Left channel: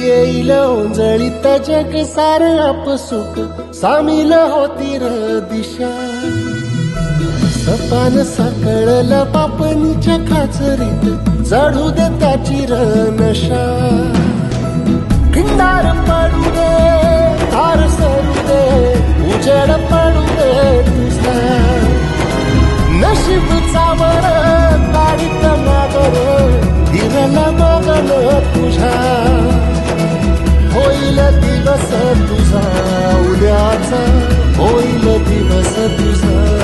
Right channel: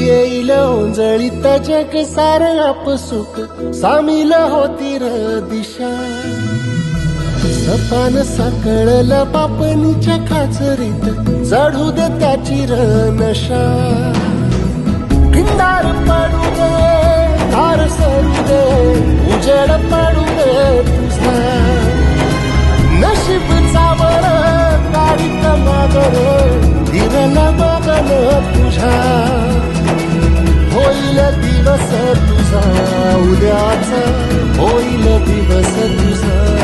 येईल ओंजळीत जग सार आपसुक सामील होती र दिशा सपान साकळला पापणीच्या खाचरीत चढू दे त्याची र नशा खिंडार पडू दे धार सरू दे उजेड पडू दे तुझा नशीब चावळ गाडीत मागर हिरला बघन तुझ्या होईल दिवस तुझा उद्याचा होईल दिवस तुझा